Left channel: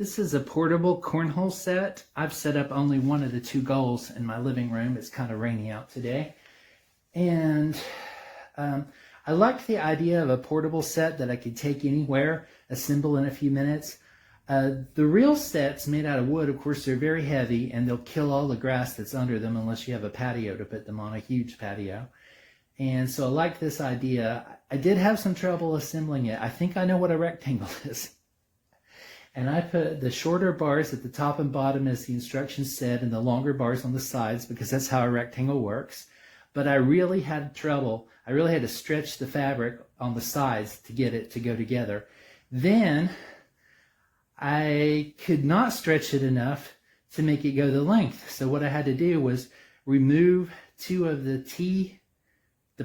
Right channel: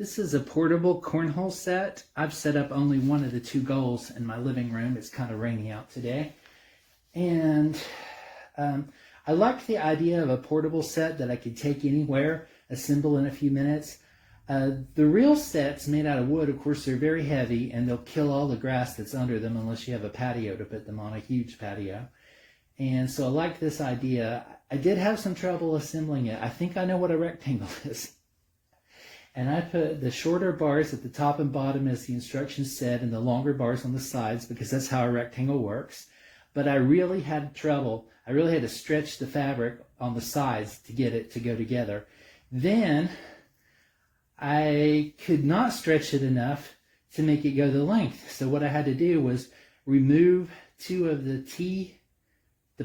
This is a portable cornhole set. I've set up only one of the two goals in my living room. It's kind of rainy out today. And I liked the idea of a portable set that I could take anywhere, assemble in a few minutes. The real sets made out of wood, of course, they're very heavy and they'll kill all the grass that's under them unless you have a patio to put them on, a huge patio. And so I like this idea. I did have some trouble assembling it. I think I know what a rectangle is. And I put the shorter bars at the top and bottom as the instructions said, and the longer bars on the sides because that's how a rectangle works. But I really had trouble. I really had to stretch the fabric on the sides to get it to go together. Then I could not stretch it enough to make it go the length. So what I had to do was remove two of the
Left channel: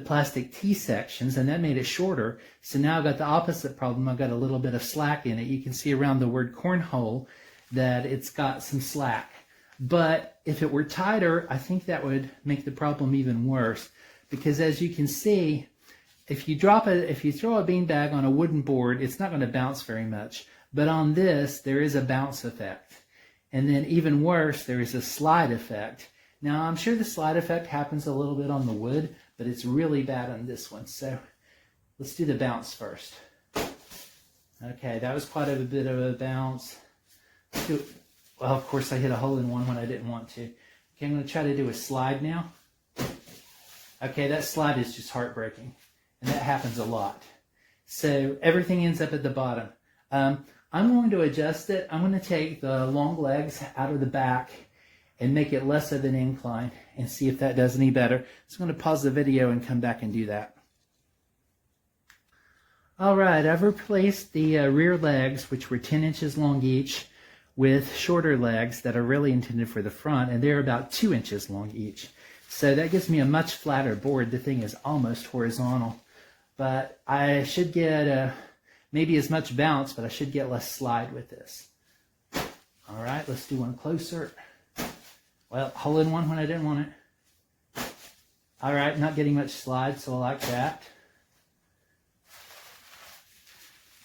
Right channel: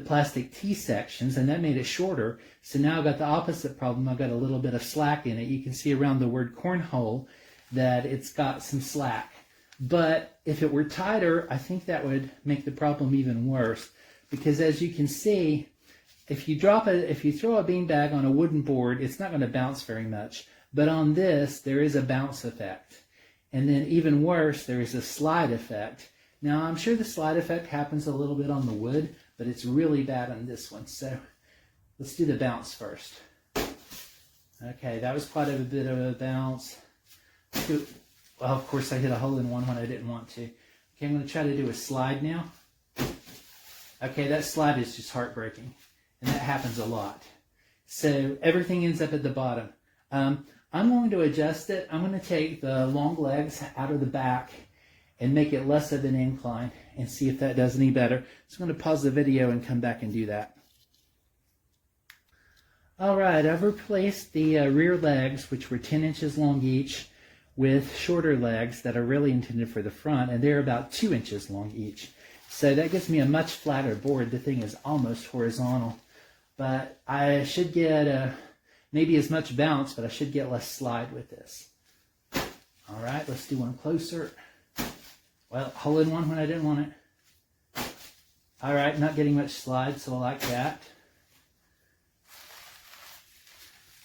plastic T sections, and that made it shorter. So now I've got the opposite problem. I've got a little bit of slack in it. You can see around the word cornhole that it's got some slack. But if it were tighter, I think that would make the problem even worse. Because as you can see, if you throw a beanbag on a wooden board, it's not going to bounce very much. But on this, there is a bounce effect. And then even worse, there is a slide effect. Now, I'm sure the slide effect happens a little bit on the wood, but it's really bad on this one. So let's do the bounce first. Okay, that was quite a bit of a bounce. Well, of course, I hit a hole in one when I didn't want to. Okay, I'm going to try to do a slide now. Okay, that slide is just heartbreaking, and that happens a lot. So everything ends up at the bottom. I'm going to adjust it. I'm going to take the long legs out of the back and make it less of an incline and see if that does any better. So I'm going to pause the video and come back and do that. All right, I've replaced the rear legs, which were 10 inches long each, with shorter legs that are really intended for the front, and they're about 2 inches long each. So that gives me a much flatter board. The thing is almost horizontal, but I should get maybe as much bounce, but I should get less slide with this. All right, let's do one closer. Well, hole in one when I didn't want it. All right, not getting much slide, so I like that.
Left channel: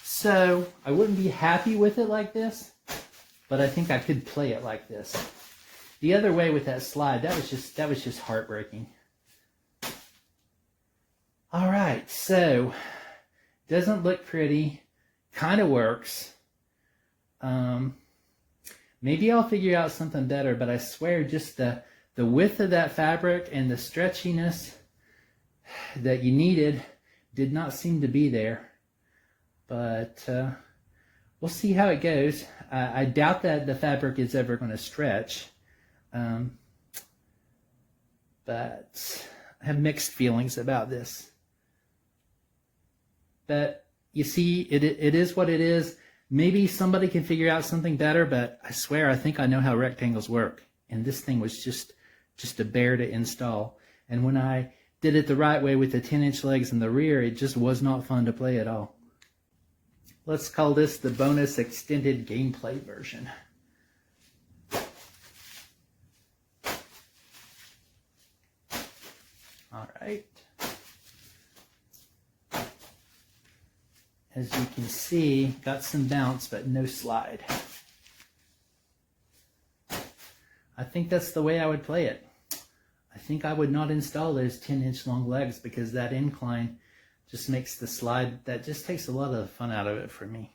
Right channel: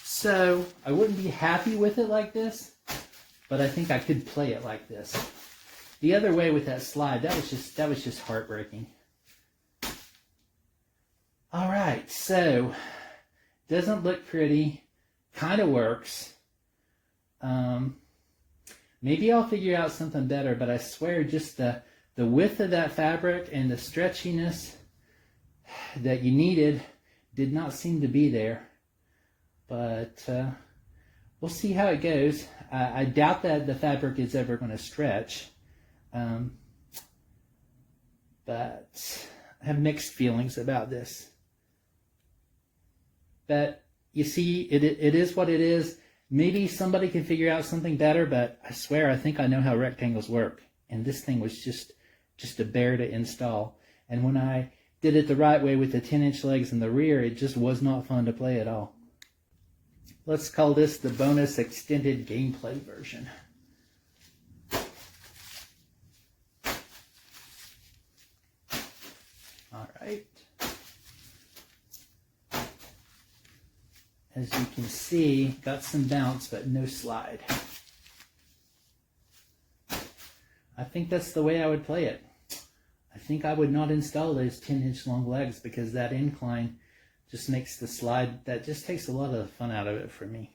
So I wouldn't be happy with it like this, but I think I could play it like this. The other way with that slide, that was just heartbreaking. All right, so doesn't look pretty, kind of works. Maybe I'll figure out something better, but I swear just the width of that fabric and the stretchiness that you needed did not seem to be there. But we'll see how it goes. I doubt that the fabric is ever going to stretch. But I have mixed feelings about this. But you see, it is what it is. Maybe somebody can figure out something better, but I swear I think I know how rectangles work. And this thing was just a bear to install. And when I did it the right way with the 10-inch legs in the rear, it just was not fun to play at all. Let's call this the bonus extended gameplay version. All right. As you can see, got some bounce, but no slide. I think that's the way I would play it. I think I would not install those 10-inch long legs because that incline just makes the slide, that just takes a lot of the fun out of it for me.